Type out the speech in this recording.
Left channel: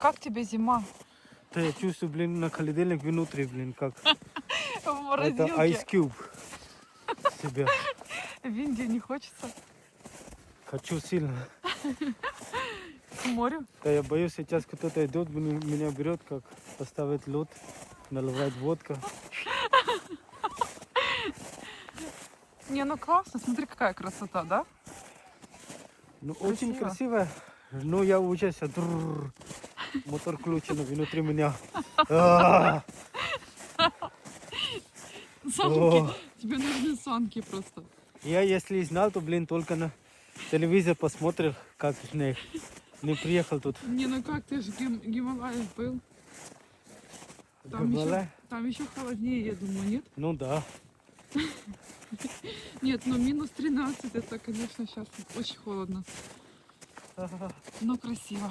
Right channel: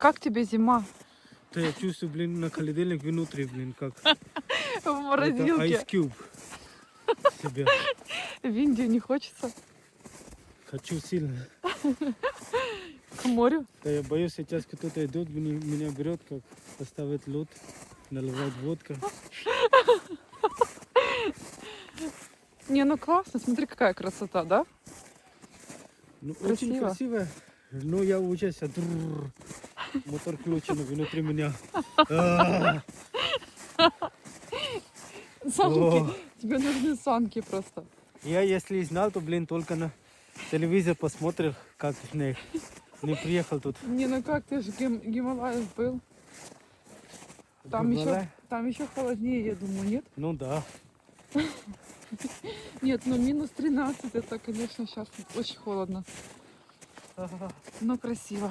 Как тебе зима? Да я чувствую, блин, на холодильник внутри, блин, как В это морозилке. Ice Cube себя. В Индию не хочется. Хочу сильно. К морю. Да я боюсь, сейчас кто-то идет, меня берет, как поставить лед, наливает водка. Не, ну классно. Смотри, какая красота, да? Ну, очень красиво. Но я уже сейчас мотор включен внутри меня. А, Санки. Тебе нужны санки просто. Я если знал, то, блин, только на телевизор посмотрел, как снег. Не приехал тут. Не, ну как, ты же Гималаев был. Гималай? Там еще холоднее, я думаю, нет? Ну да. Нет, ну минус 13, это, конечно, сейчас очень холодно. Но красиво.